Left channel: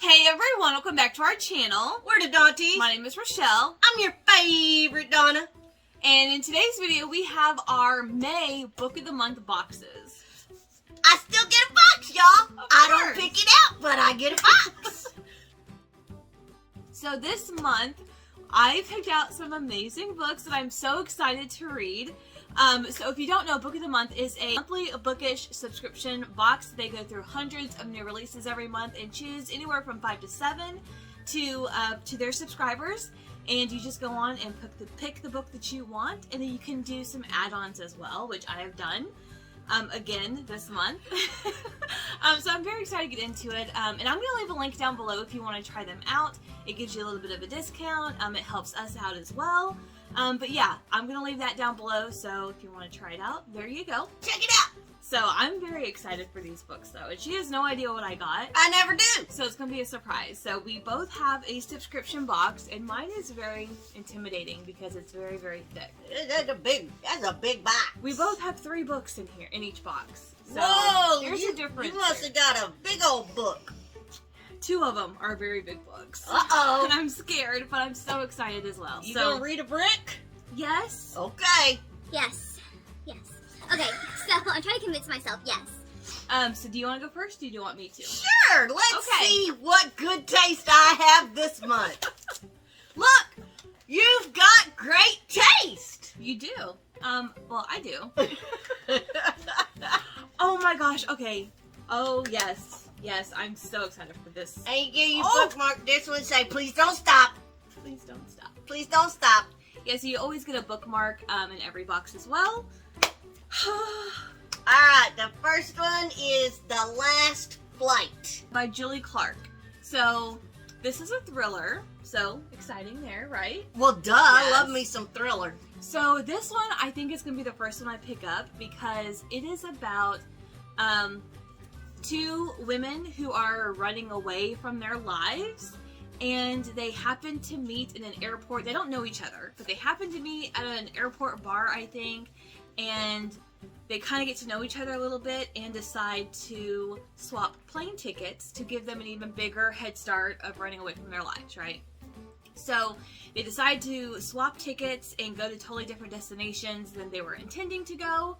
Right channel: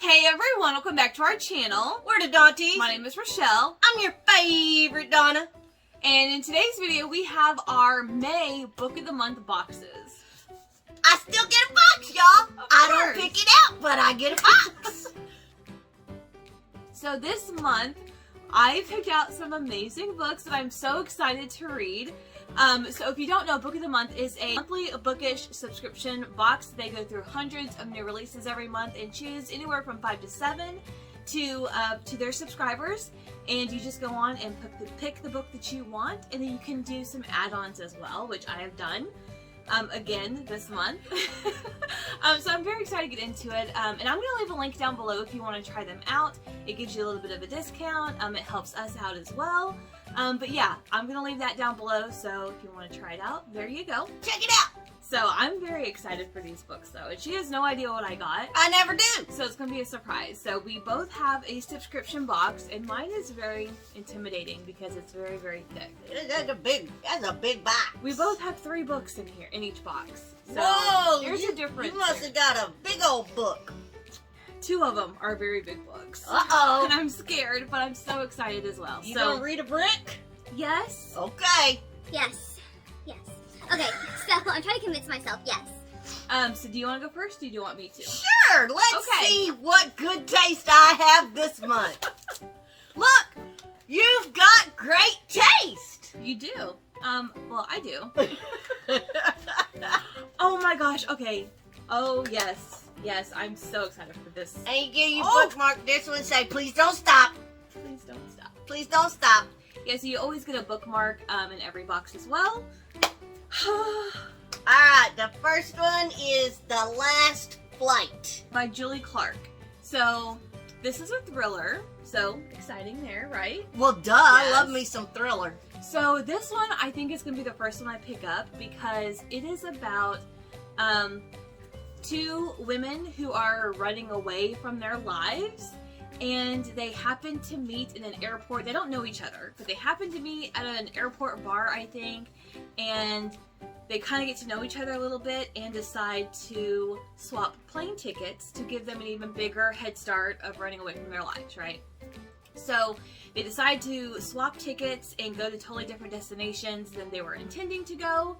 Hey everyone, welcome back to our channel. We're the Dawnties. My name is Rochelle. I'm your favorite Donna. And in today's video, we have our May Book of the Month boxes. I still get a box, y'all. I don't course. pick it out, but I get a box. So this month, I picked out some amazing books that I'm so excited to read. So if you don't know, Book of the Month is a monthly bookish subscription box. They go through hundreds of new releases every month and choose anywhere from 5 to 7 to their subscribers. And you just go on and pick the book that you want, and then you can do some add-ons as well, which I have done again this month. So I'm very excited to get into it. And I'm going to leave a link down below if you want to try them out. It gives you a little bit of a discount. It helps us out as well. But yeah, I'm going to leave that down below, so if you want to try it out, there you go. Check it out. So I'm very excited for these books, though, and she has no idea what I got. I never do. So it's going to be a surprise. So we both have a subscription box, and mine is very intimidating because it's very, very thick. That's a big box. We both have 3 books in here, in each box. So Whoa, there's a difference. You must have got a big old book. 2 of them are very big books. Uh-oh. And I'm scared, but I'm so excited as well. You so, gonna read a brick? Yes. Okay. Yes. Okay, so I'm trying to convince myself, yes. So do you want to go first, or do you want me to? Sure, let's Okay. see what good taste I have this month. Look, you've got great taste. You do. Well, I do. Oh my gosh, okay. Oh, yes. Yes, I'm so excited for this. And you get your Oh. bookmark this one, say, please don't stop. Please don't stop. Please don't stop. Yeah, so you always get a bookmark in every box as well. Alright, the first one is The Last Flight. By Julie Clark. So, this is a thriller. So, exciting there, right? Well, duh, I Yes. love me some thriller. So, this one I think is going to be the first one I pick up because it is about 2 women who are running away from their lives. And they happen to meet in an airport. They don't know each other, but they happen to meet at an airport bar, I think. And they kind of get to know each other a little bit and decide to swap plane tickets to give them an even bigger head start of running away from their lives, right? So they decide to swap tickets and go to totally different destinations than they were intending to go.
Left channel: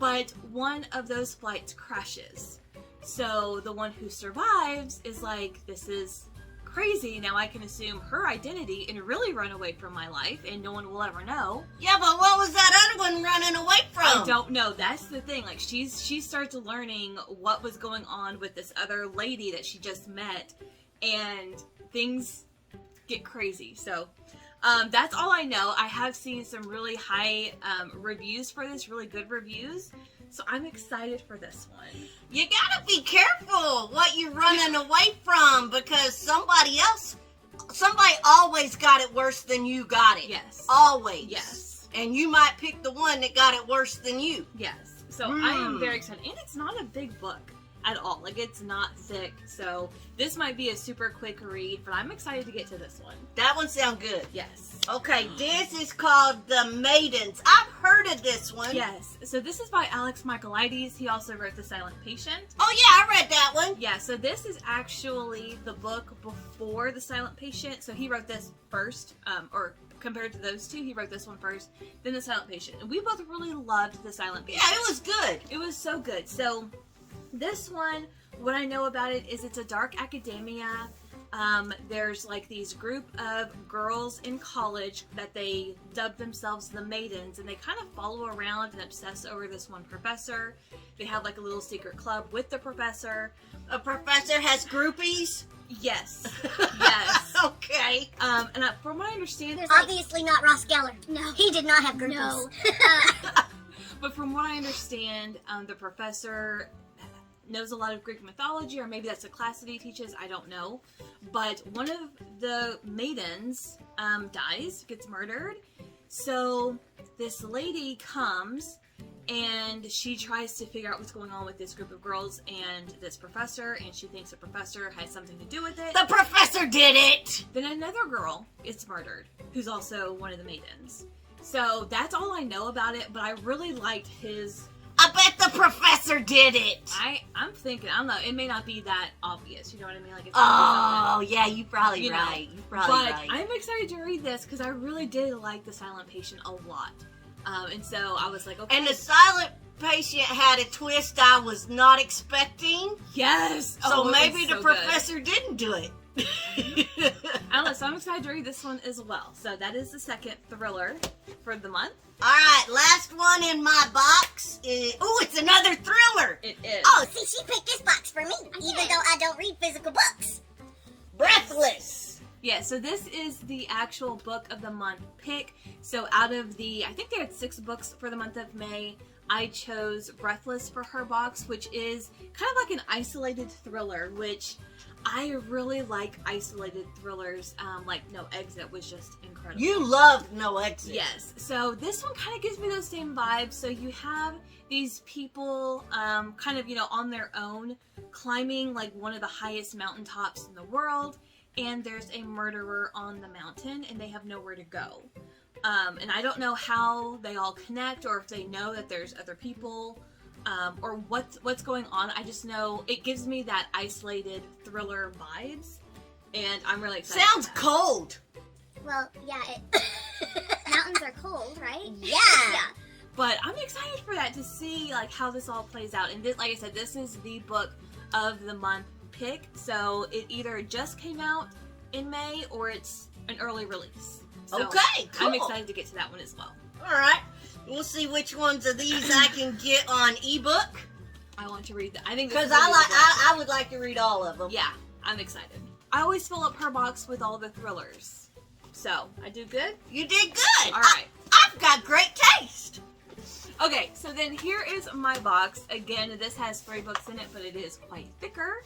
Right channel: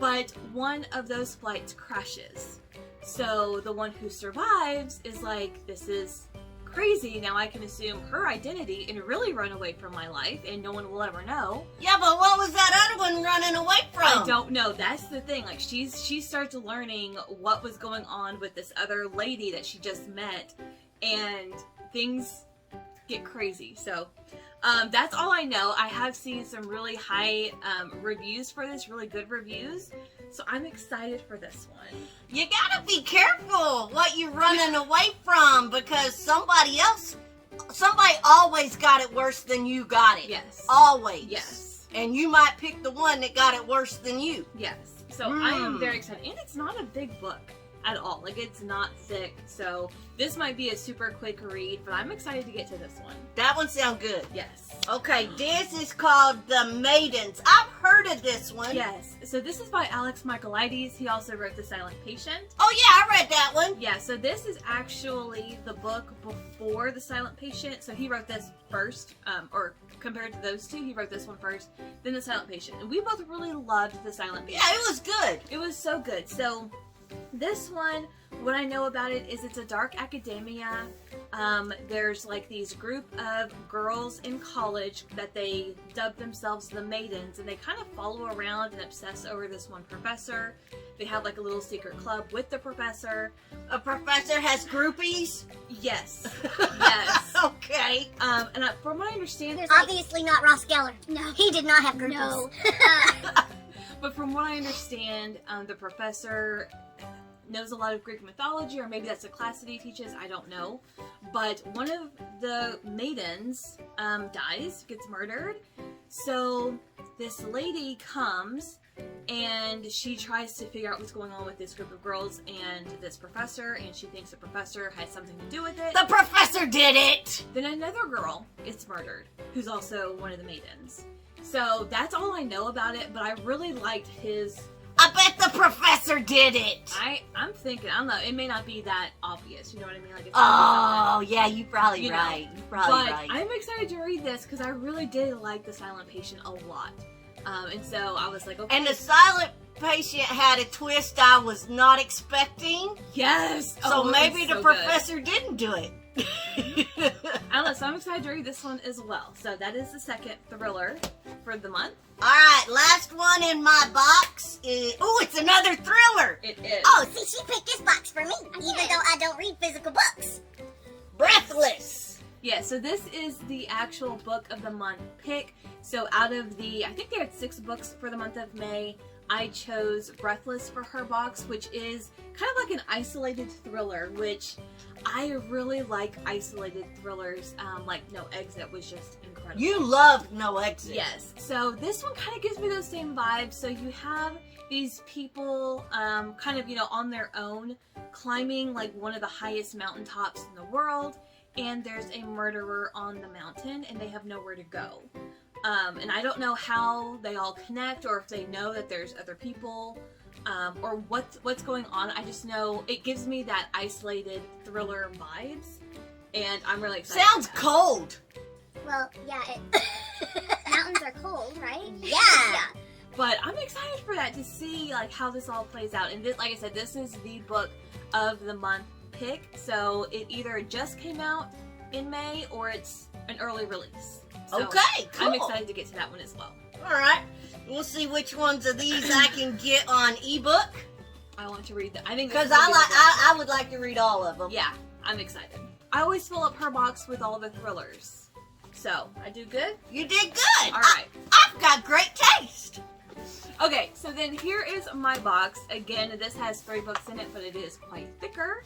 But one of those flights crashes. So the one who survives is like, this is crazy. Now I can assume her identity and really run away from my life, and no one will ever know. Yeah, but what was that other one running away from? I don't know. That's the thing. Like she starts learning what was going on with this other lady that she just met, and things get crazy. So that's all I know. I have seen some really high reviews for this, really good reviews. So I'm excited for this one. You gotta be careful what you're running away from, because somebody always got it worse than you got it. Yes. Always. Yes. And you might pick the one that got it worse than you. Yes. So I am very excited. And it's not a big book at all. Like, it's not thick. So this might be a super quick read, but I'm excited to get to this one. That one sounds good. Yes. Okay, this is called The Maidens. I've heard of this one. Yes. So this is by Alex Michaelides. He also wrote The Silent Patient. Oh yeah, I read that one. Yeah, so this is actually the book before The Silent Patient. So he wrote this first, or compared to those 2, he wrote this one first, then The Silent Patient. And we both really loved The Silent Patient. Yeah, it was good. It was so good. So this one, what I know about it is it's a dark academia. There's like these group of girls in college that they dub themselves the Maidens, and they kind of follow around and obsess over this one professor. They have like a little secret club with the professor. A professor has groupies? Yes. Yes. Okay. And from what I understand, Obviously not Ross Geller. No. He did not have groupies. No. but from what I understand, the professor knows a lot of Greek mythology, or maybe that's a class that he teaches, I don't know. But one of the maidens dies, gets murdered. So this lady comes and she tries to figure out what's going on with this group of girls and this professor, and she thinks the professor has something to do with it. The professor did it! Then another girl gets murdered, who's also one of the maidens. So that's all I know about it, but I really liked his I I bet the professor did it. I'm thinking, I don't know, it may not be that obvious, you know what I mean? Like, it's Oh, yeah, you're probably right. You're probably but right. I'm excited to read this because I really did like The Silent Patient a lot. And so I was like, okay. And The Silent Patient had a twist I was not expecting. Yes! So Oh, maybe it's the so professor didn't do it. I don't know, so I'm excited to read this one as well. So that is the second thriller for the month. Alright, last one in my box is... Oh, it's another thriller! It is. Oh, see, she picked this box for me, even though I don't read physical books. Breathless! Yeah, so this is the actual book of the month pick. So out of the, I think they had 6 books for the month of May, I chose Breathless for her box, which is kind of like an isolated thriller, which I really like isolated thrillers. Like No Exit was just incredible. You loved No Exit. Yes. So this one kind of gives me those same vibes. So you have these people kind of, on their own climbing like one of the highest mountaintops in the world, and there's a murderer on the mountain and they have nowhere to go. And I don't know how they all connect or if they know that there's other people or what's going on. I just know it gives me that isolated thriller vibes, and I'm really excited. Sounds cold. Well, yeah, mountains are cold, right? Yeah. But I'm excited for that, to see like how this all plays out. And this, like I said, this is the book of the month pick. So it either just came out in May or it's an early release. So Okay, cool. I'm excited to get to that one as well. Alright. We'll see which ones of these I can get on ebook. I want to read that. I think this Because is gonna be the best I would like to read all of them. Yeah, I'm excited. I always fill up her box with all the thrillers. So, I do good? You did good. All right. I've got great taste. Okay, so then here is my box. Again, this has 3 books in it, but it is quite thicker.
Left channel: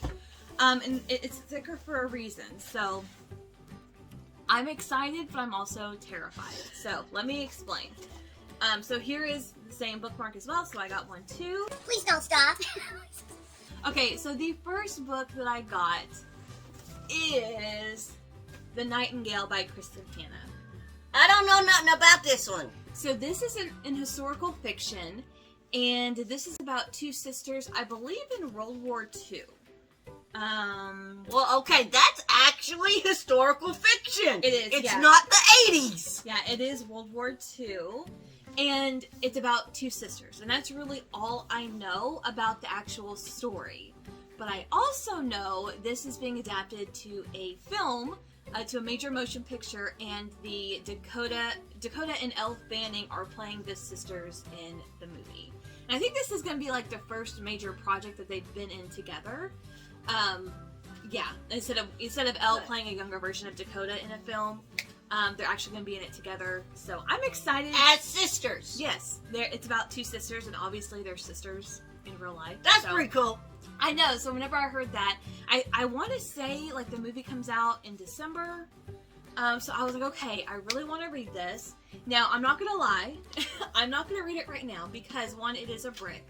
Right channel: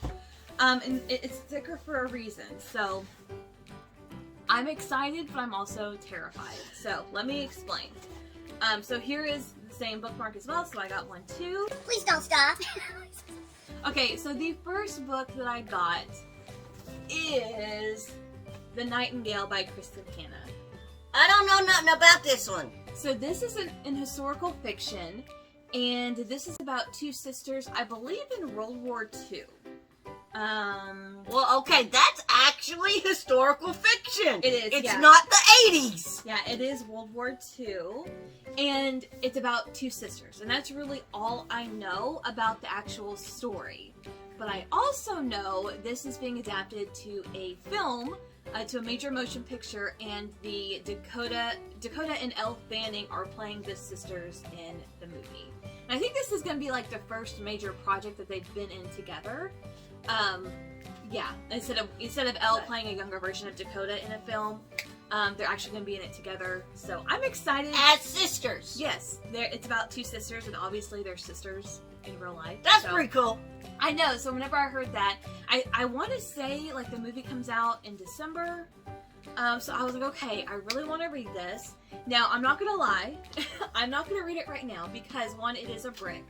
And it's thicker for a reason. So, I'm excited, but I'm also terrified. So, let me explain. So here is the same bookmark as well. So I got 1, 2. Please don't stop. Okay, so the first book that I got is The Nightingale by Kristen Hanna. I don't know nothing about this one. So this is in historical fiction, and this is about 2 sisters, I believe in World War II. Well, okay, that's actually historical fiction. It is, It's yeah. not the 80s. Yeah, it is World War II, and it's about 2 sisters, and that's really all I know about the actual story. But I also know this is being adapted to a film, to a major motion picture, and the Dakota and Elle Fanning are playing the sisters in the movie. And I think this is going to be like the first major project that they've been in together. Yeah, instead of Elle playing a younger version of Dakota in a film, they're actually going to be in it together. So I'm excited. As sisters. Yes, it's about 2 sisters, and obviously they're sisters in real life. That's so. pretty cool. I know, so whenever I heard that, I want to say, like, the movie comes out in December, so I was like, okay, I really want to read this. Now, I'm not going to lie, I'm not going to read it right now, because, 1, it is a brick,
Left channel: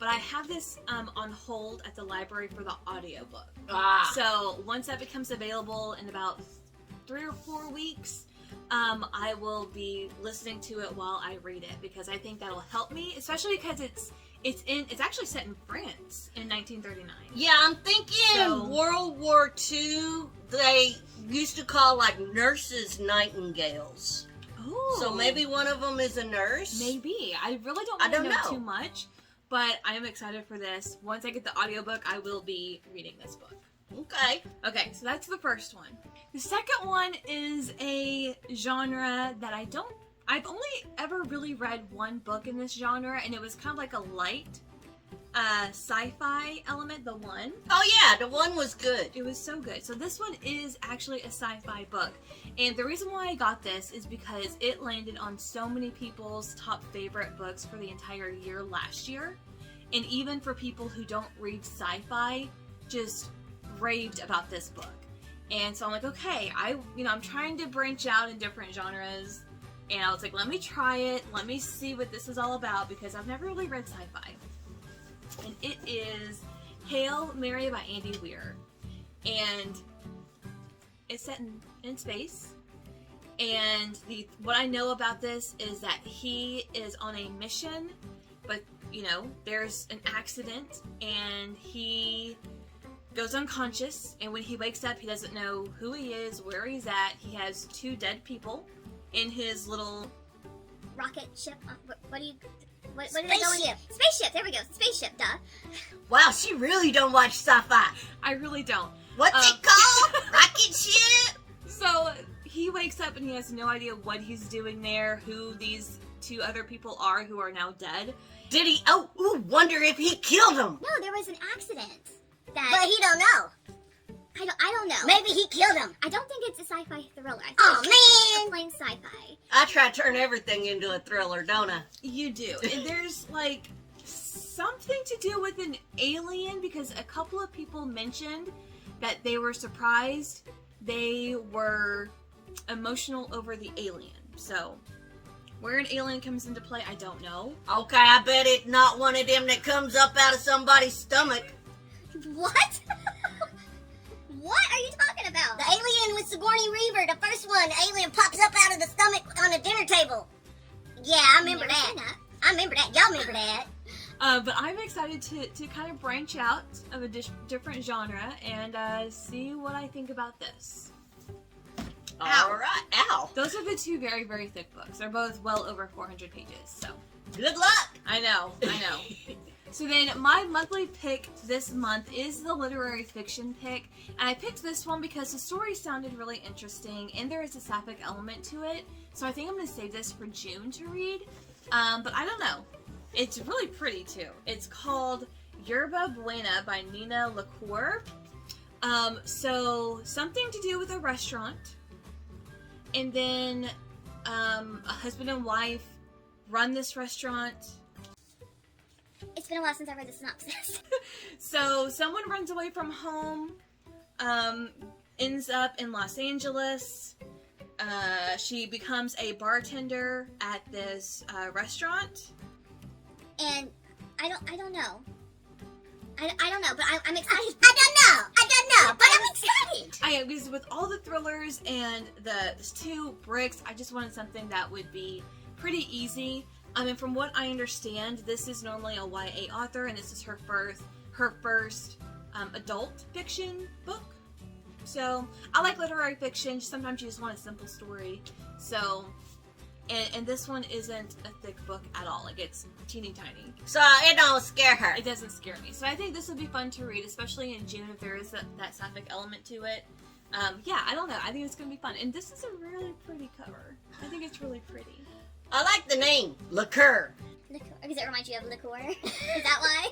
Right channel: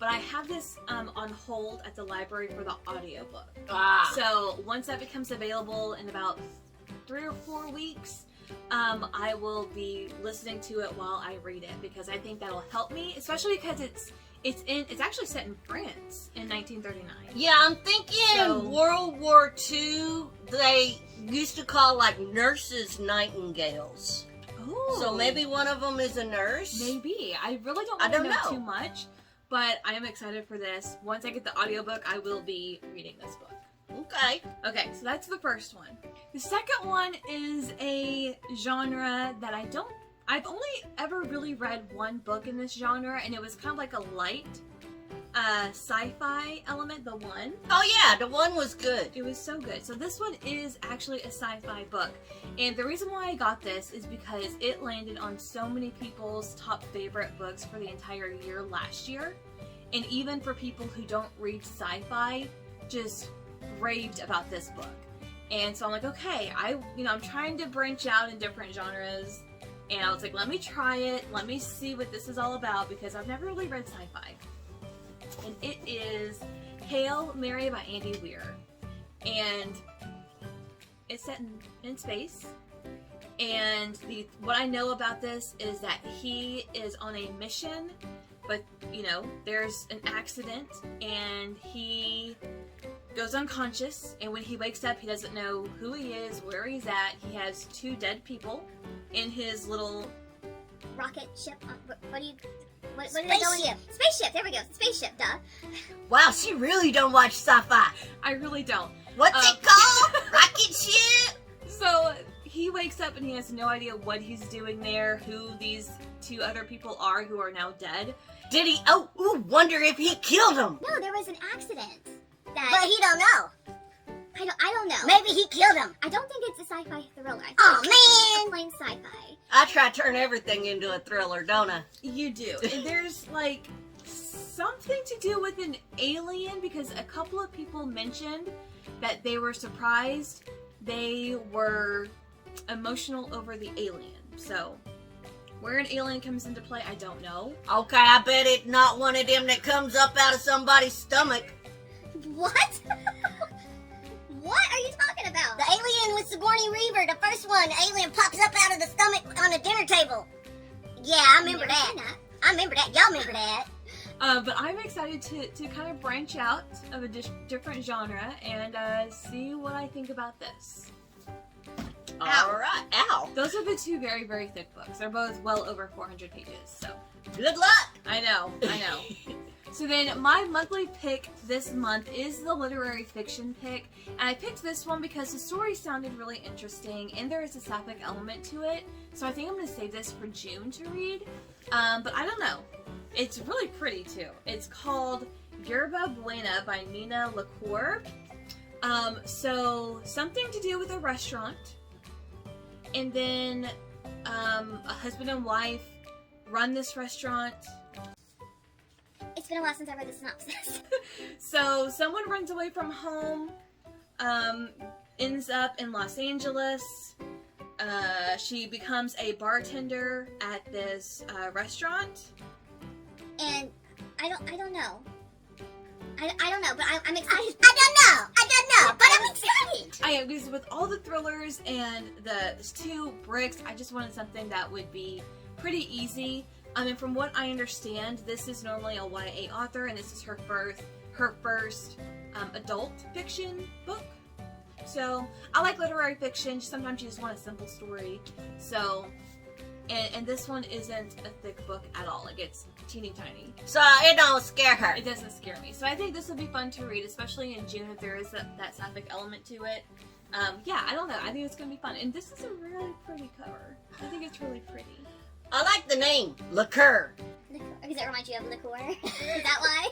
but I have this on hold at the library for the audiobook. So, once that becomes available in about 3 or 4 weeks, I will be listening to it while I read it, because I think that'll help me, especially because it's actually set in France in 1939. Yeah, I'm thinking World War II, they used to call like nurses nightingales. Oh. So maybe one of them is a nurse? Maybe. I really don't know too much, but I am excited for this. Once I get the audiobook, I will be reading this book. Okay. Okay, so that's the first one. The second one is a genre that I've only ever really read 1 book in this genre, and it was kind of like a light sci-fi element, The One. Oh yeah, The One was good. It was so good. So this one is actually a sci-fi book. And the reason why I got this is because it landed on so many people's top favorite books for the entire year last year. And even for people who don't read sci-fi, just raved about this book. And so I'm like, okay, I'm trying to branch out in different genres. And I was like, let me try it. Let me see what this is all about, because I've never really read sci-fi. And it is Hail Mary by Andy Weir. And it's set in space. And what I know about this is that he is on a mission, but there's an accident and he goes unconscious, and when he wakes up, he doesn't know who he is, where he's at. He has 2 dead people in his little rocket ship. What do they go in? Spaceship. There we go. Spaceship. Duh. Wow, she really don't watch sci-fi. I really don't. What's it called? Rocket ship? So he wakes up and he has no idea what he's doing there, who these 2 other people are who are now dead. Did he? Wonder if he killed them. No, there was an accident. But he don't know. I don't know. Maybe he killed him. I don't think it's a sci-fi thriller. I think Oh, it's man. plain sci-fi. I try to turn everything into a thriller, don't I? You do. And there's like something to do with an alien, because a couple of people mentioned that they were surprised they were emotional over the alien. So where an alien comes into play, I don't know. Okay, I bet it's not one of them that comes up out of somebody's stomach. What? What are you talking about? The alien with Sigourney Weaver, the first one. The alien pops up out of the stomach on the dinner table. Yeah, I remember Never that. seen that. I remember that. Y'all remember that. But I'm excited to kind of branch out of a different genre and see what I think about this. All right, ow. Those are the 2 very, very thick books. They're both well over 400 pages, so. Good luck. I know. So then my monthly pick this month is the literary fiction pick. And I picked this one because the story sounded really interesting and there is a sapphic element to it. So I think I'm going to save this for June to read. But I don't know. It's really pretty too. It's called Yerba Buena by Nina LaCour. So something to do with a restaurant. And then a husband and wife run this restaurant. It's been a while since I read the synopsis. So someone runs away from home, ends up in Los Angeles. She becomes a bartender at this restaurant. And I don't know. I don't know, but I'm excited. I don't know, but I'm excited. Because with all the thrillers and the 2 bricks, I just wanted something that would be pretty easy. And from what I understand, this is normally a YA author, and this is her first adult fiction book. So I like literary fiction. Sometimes you just want a simple story. So, and this one isn't a thick book at all. Like, it's teeny tiny. So it don't scare her. It doesn't scare me. So I think this will be fun to read, especially in June if there is that sapphic element to it. Yeah, I don't know. I think it's going to be fun. And this is a really pretty cover. I think it's really pretty. I like the name, Liqueur. Because it reminds you of liqueur. Is that why?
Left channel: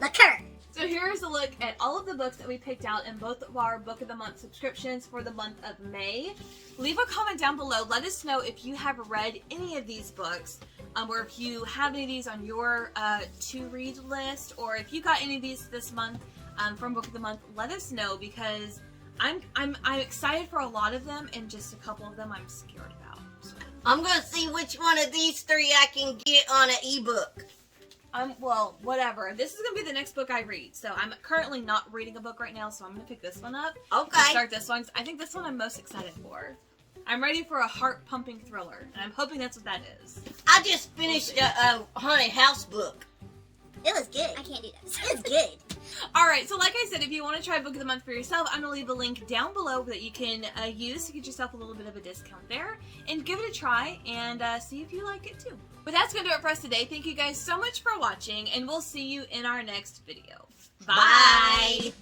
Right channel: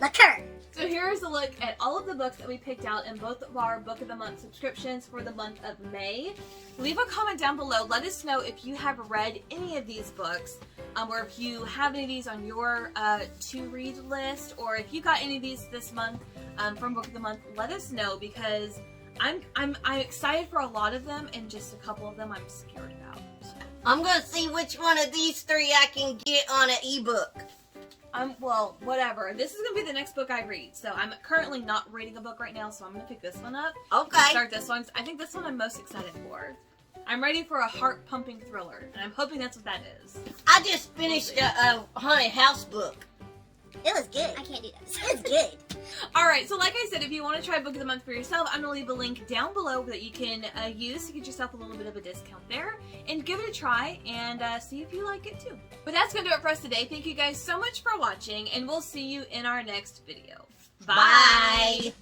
Liqueur. So here's a look at all of the books that we picked out in both of our Book of the Month subscriptions for the month of May. Leave a comment down below. Let us know if you have read any of these books, or if you have any of these on your to-read list, or if you got any of these this month from Book of the Month. Let us know, because I'm excited for a lot of them, and just a couple of them I'm scared about. So. I'm going to see which one of these 3 I can get on an ebook. Well, whatever. This is going to be the next book I read. So I'm currently not reading a book right now, so I'm going to pick this one up. Okay. And start this one. I think this one I'm most excited for. I'm ready for a heart-pumping thriller, and I'm hoping that's what that is. I just finished a haunted house book. It was good. I can't do this. It was good. Alright, so like I said, if you want to try Book of the Month for yourself, I'm going to leave a link down below that you can use to get yourself a little bit of a discount there. And give it a try and see if you like it too. But that's going to do it for us today. Thank you guys so much for watching, and we'll see you in our next video. Bye.